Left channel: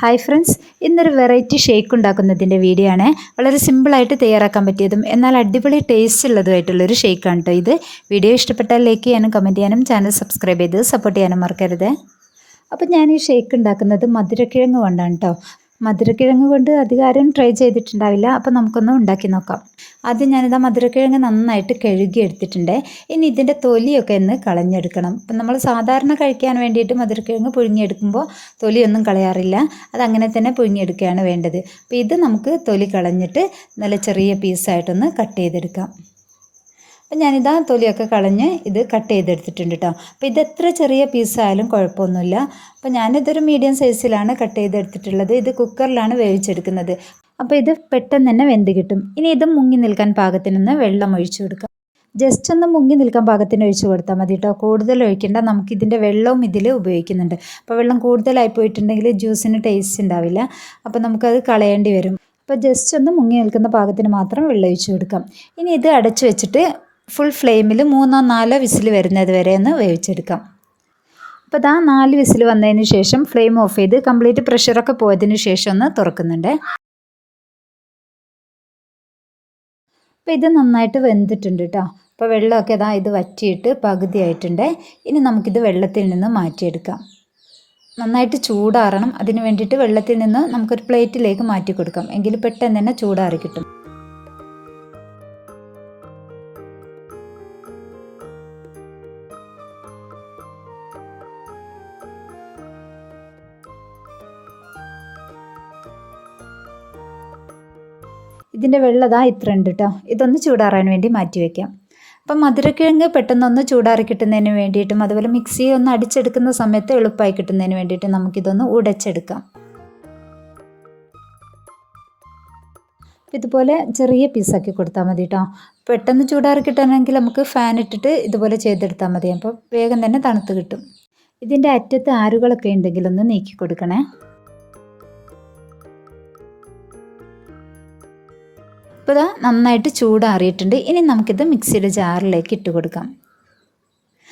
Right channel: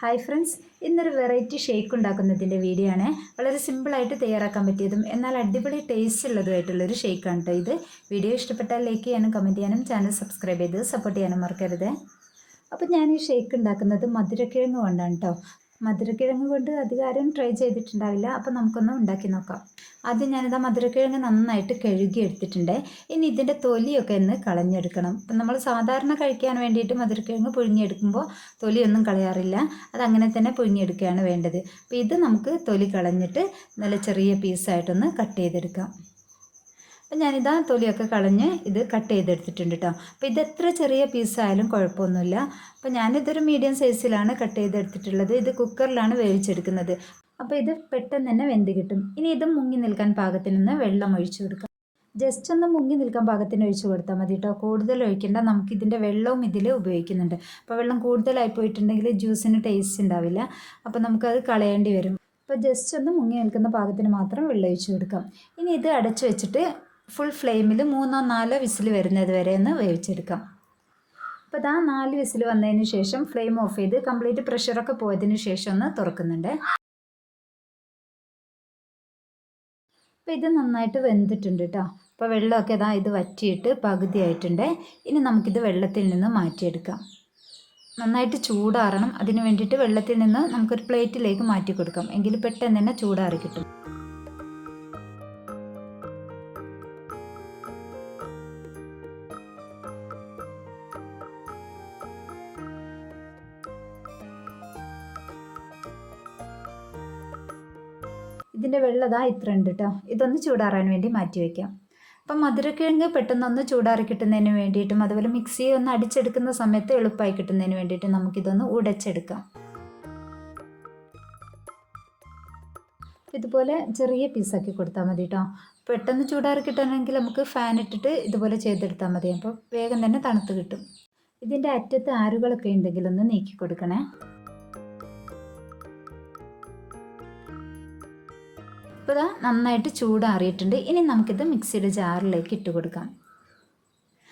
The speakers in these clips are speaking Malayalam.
ഹായ് ഫ്രണ്ട്സ്, ഇന്നൊരു വെറൈറ്റി ഷേക്ക് ഉണ്ടാക്കുന്നതിൻ്റെ വീഡിയോ ആണ്. വളരെ സിമ്പിളായിട്ട് തയ്യാറാക്കാൻ പറ്റിയതും എന്നാൽ അടിപൊളി ടേസ്റ്റ് ഉള്ളതുമായിട്ടുള്ളൊരു ഷേക്കാണ് കേട്ടോ ഇത്. വീഡിയോ ഇഷ്ടപ്പെട്ടാൽ ലൈക്ക് ചെയ്യാനും കമൻറ്റ് ചെയ്യാനും ചാനൽ സബ്സ്ക്രൈബ് ചെയ്ത് സപ്പോർട്ട് ചെയ്യാനും മറക്കരുത്. അപ്പോൾ ഞാൻ ഈ ഷേക്ക് ഉണ്ടാക്കുന്നത് മധുരക്കിഴങ്ങ് കൊണ്ടാണ് കേട്ടോ. മധുരക്കിഴങ്ങ് കൊണ്ട് അധികാരം ട്രൈ ചെയ്തിട്ടുണ്ടാവില്ല. അപ്പോൾ നമുക്കൊന്ന് ഉണ്ടാക്കി നോക്കാം. ആദ്യം ഞാനിതാ മധുരക്കിഴങ്ങ് നന്നായിട്ട് കഴുകി എടുത്തിട്ടുണ്ട്. ഇനി ഇതിൻ്റെ തൊലിയൊക്കെ ഒന്ന് കളഞ്ഞെടുക്കണം. അപ്പം നമ്മൾ സാധാരണ കഴിക്കാൻ വേണ്ടിയിട്ട് മധുരക്കിഴങ്ങ് പുഴുങ്ങിയെടുക്കുമ്പോൾ തൊലിയൊന്നും കളയാറില്ല. അതങ്ങനെ തന്നെ പുഴുങ്ങിയെടുക്കുകയാണ് വേണ്ടത്. അപ്പോൾ ഇത് നമുക്ക് തൊലി കളഞ്ഞിട്ട് നല്ല ചെറിയ പീസായിട്ടൊന്ന് കട്ട് ചെയ്തെടുക്കാം. അപ്പം ഞാനിതാ തൊലിയൊക്കെ കളഞ്ഞ് ഇത് കട്ട് ചെയ്തെടുത്തിട്ടുണ്ട് കേട്ടോ. അപ്പോൾ ഇത് എത്ര ചെറിയ പീസായാലും കുഴപ്പമൊന്നുമില്ല. അപ്പോൾ ഞാനിതൊരു മീഡിയം സൈസിലാണ് കട്ട് ചെയ്തെടുത്തിട്ടുള്ളത്. ഇത് കുക്കറിലാണ് വേവിച്ചെടുക്കുന്നത്. അപ്പോൾ ഇത് പെട്ടെന്ന് തന്നെ വെന്ത് കിട്ടും. ഇനി ഇത് മുങ്ങി നിൽക്കാൻ പാകത്തിനൊന്ന് വെള്ളം ഒഴിച്ചു കൊടുക്കാം. ജസ്റ്റ് ഒന്ന് മുങ്ങി നിൽക്കാൻ പാകത്തിന് ഒഴിച്ചു കൊടുത്താൽ മതി കേട്ടോ. കൂടുതൽ ഒഴിക്കേണ്ട. നമുക്കിതിൻ്റെ വെള്ളവും ഇതിൽ ഉപയോഗിക്കുന്നുണ്ട്. അപ്പോൾ വെള്ളം കൂടുതലായി പോയിട്ടുണ്ടെങ്കിൽ ജ്യൂസിന് ടേസ്റ്റ് ഉണ്ടാവില്ല. അപ്പോൾ നമുക്കത് കളയേണ്ടി വരും. അപ്പോൾ ജസ്റ്റ് ഒന്ന് മുങ്ങി നിൽക്കുന്ന പാകത്തിന് മാത്രം വെള്ളം ഒഴിച്ചു കൊടുക്കാം. ഇനി ഇത് അടച്ചു വെച്ചിട്ട് ഫുൾ ഫ്ലെയിമിൽ 3-4 വിസിൽ വരുന്നത് വരെ ഒന്ന് വേവിച്ചെടുക്കാം. അപ്പോൾ ഇതാ 4 വിസിൽ വന്നതിന് ശേഷം ഫ്ലെയിം ഓഫ് ചെയ്ത് കംപ്ലീറ്റ് പ്രഷറൊക്കെ പോയതിന് ശേഷം ഒന്ന് തുറക്കുന്നുണ്ട്. അപ്പോൾ ഇത് നന്നായിട്ട് വെന്തിട്ടുണ്ട് കേട്ടോ. അപ്പോൾ വെള്ളമൊക്കെ ഇതാ ഇത് വറ്റിയിട്ട് പകുതിയായിട്ടുണ്ട്. ഇനി നമുക്കിത് വെള്ളത്തിൽ നിന്ന് മാറ്റിയെടുക്കാം. നന്നായിട്ട് ചൂടാറണം. അതിന് വേണ്ടിയിട്ട് വെള്ളത്തിൽ നിന്ന് നമുക്കൊരു പ്ലേറ്റിലേക്ക് മാറ്റി കൊടുക്കാം. എങ്കിൽ പെട്ടെന്ന് തന്നെ ചൂടാറി കിട്ടും. ഇതിൻ്റെ വെള്ളം ഇത്ര ഉണ്ട് കേട്ടോ. ഇതൊന്ന് ചൂടാറാൻ വേണ്ടി മാറ്റി വയ്ക്കാം. അപ്പം മധുരക്കിഴങ്ങ് പെട്ടെന്നൊന്ന് ചൂടാറി കിട്ടുന്നതിന് വേണ്ടിയിട്ടും അതുപോലെ മിക്സിയെ ഒന്ന് അടിച്ചെടുക്കുന്ന സമയത്ത് എളുപ്പമായി കിട്ടുന്നതിന് വേണ്ടിയിട്ട് നമുക്കിതൊന്ന് ഉടച്ചെടുക്കാം. ഇതുപോലെ ചെറിയ പീസാക്കി കൊടുത്താൽ മതി കേട്ടോ. പെട്ടെന്ന് ചൂടാറി കിട്ടണമെങ്കിൽ നമുക്ക് ഫാൻ ഇട്ടിട്ട് ഇതുപോലെ ചെയ്തെടുത്താൽ മതി. അപ്പോൾ വേഗം തന്നെ തണുത്ത് കിട്ടും. ഇതിൻ്റെ അറ്റത്ത് ആരുകളൊക്കെ ഉണ്ടെങ്കിൽ ഒന്ന് നീക്കി കൊടുക്കണേ. ഇപ്പോൾ ഇതാ നന്നായിട്ട് ചൂടാറിയിട്ടുണ്ട്. ഇനി നമുക്കിത് മിക്സിയുടെ ജാറിലേക്ക് ഇട്ട് കൊടുക്കാം.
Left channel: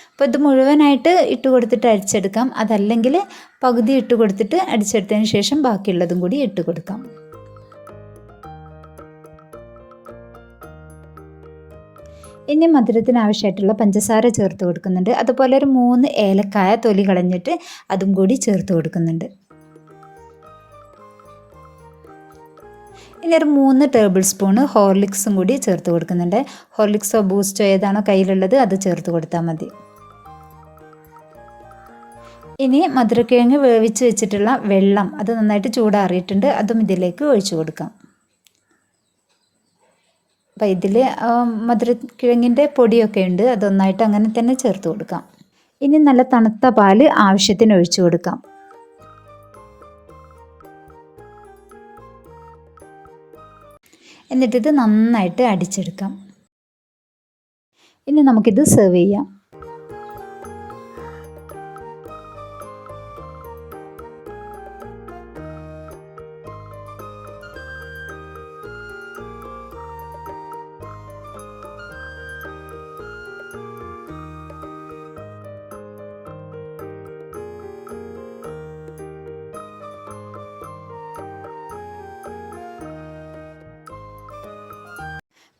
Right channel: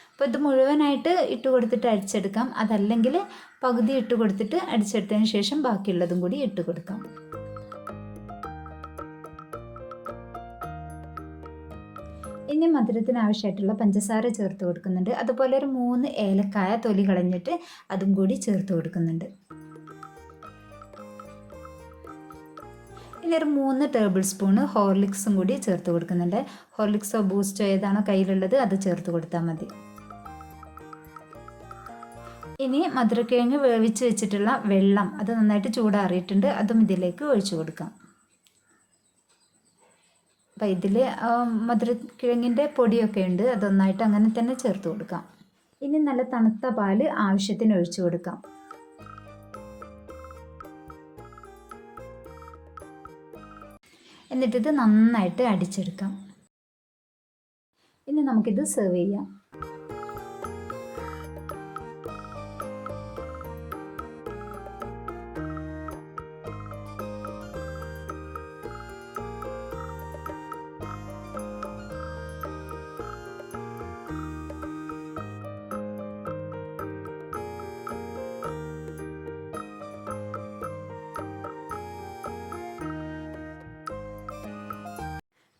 അപ്പോൾ ഇത് മുഴുവനായിട്ട് ഇട്ട് കൊടുത്തിട്ട് അടിച്ചെടുക്കാം. അതല്ലെങ്കിൽ പകുതി ഇട്ട് കൊടുത്തിട്ട് അടിച്ചെടുത്തതിന് ശേഷം ബാക്കിയുള്ളതും കൂടി ഇട്ട് കൊടുക്കാം. ഇനി മധുരത്തിന് ആവശ്യമായിട്ടുള്ള പഞ്ചസാര ചേർത്ത് കൊടുക്കുന്നുണ്ട്. അതുപോലെ ഒരു 3 ഏലക്കായ തൊലി കളഞ്ഞിട്ട് അതും കൂടി ചേർത്ത് കൊടുക്കുന്നുണ്ട്. ഇനി ഒരു 3 ടേബിൾ സ്പൂണ് ഹോർലിക്സും കൂടി ചേർത്ത് കൊടുക്കുന്നുണ്ട്. ഹോർലിക്സോ ബൂസ്റ്റോ ഏതാണോ കയ്യിലുള്ളത് അത് ചേർത്ത് കൊടുത്താൽ മതി. ഇനി മധുരക്കിഴങ്ങ് വേവിച്ച് വെച്ചിട്ടുള്ള വെള്ളം അത് നന്നായിട്ട് ചൂടാറിയിട്ടുണ്ട്. അതും ഇതിലേക്ക് ഒഴിച്ചു കൊടുക്കാം. അപ്പോൾ ഇതിൽ മധുരക്കിഴങ്ങിൻ്റെ പൊടിയൊക്കെ ഉണ്ട്. അതൊന്നായിട്ട് അങ്ങനെ തന്നെ ചേർത്ത് കൊടുക്കാം. ഇനി നല്ല തണുത്ത പാല് ആവശ്യത്തിന് ഒഴിച്ചു കൊടുക്കാം. എന്നിട്ടിത് നന്നായിട്ട് അടിച്ചെടുക്കാം. ഇനി നമുക്കിത് സെർവ് ചെയ്യാം.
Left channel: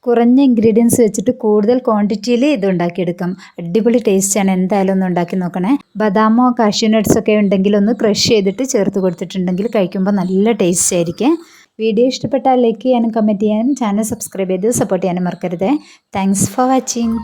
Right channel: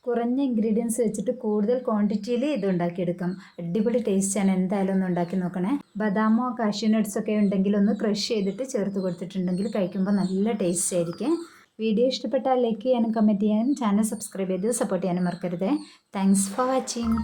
കുറഞ്ഞ ഇൻഗ്രീഡിയൻസ് വെച്ചിട്ട് കൂടുതൽ ക്വാണ്ടിറ്റിയിൽ ഇത് ഉണ്ടാക്കിയെടുക്കാം. അടിപൊളി ടേസ്റ്റാണ്. എന്തായാലും ഒന്ന് ഉണ്ടാക്കി നോക്കണേ. ബദാമോ കാഷ്യൂ നട്ട്സൊക്കെ ഉണ്ടെങ്കിൽ ഒന്ന് ക്രഷ് ചെയ്തിട്ട് ചേർത്ത് കൊടുത്തിട്ടുണ്ടെങ്കിൽ കഴിക്കുമ്പോൾ നല്ല ടേസ്റ്റ് ആയിരിക്കും. വീഡിയോ ഇഷ്ടപ്പെട്ടാൽ ലൈക്ക് ചെയ്യാനും കമൻറ്റ് ചെയ്യാനും ചാനൽ സബ്സ്ക്രൈബ് ചെയ്ത് സപ്പോർട്ട് ചെയ്യാനും മറക്കരുത്. Thanks for watching.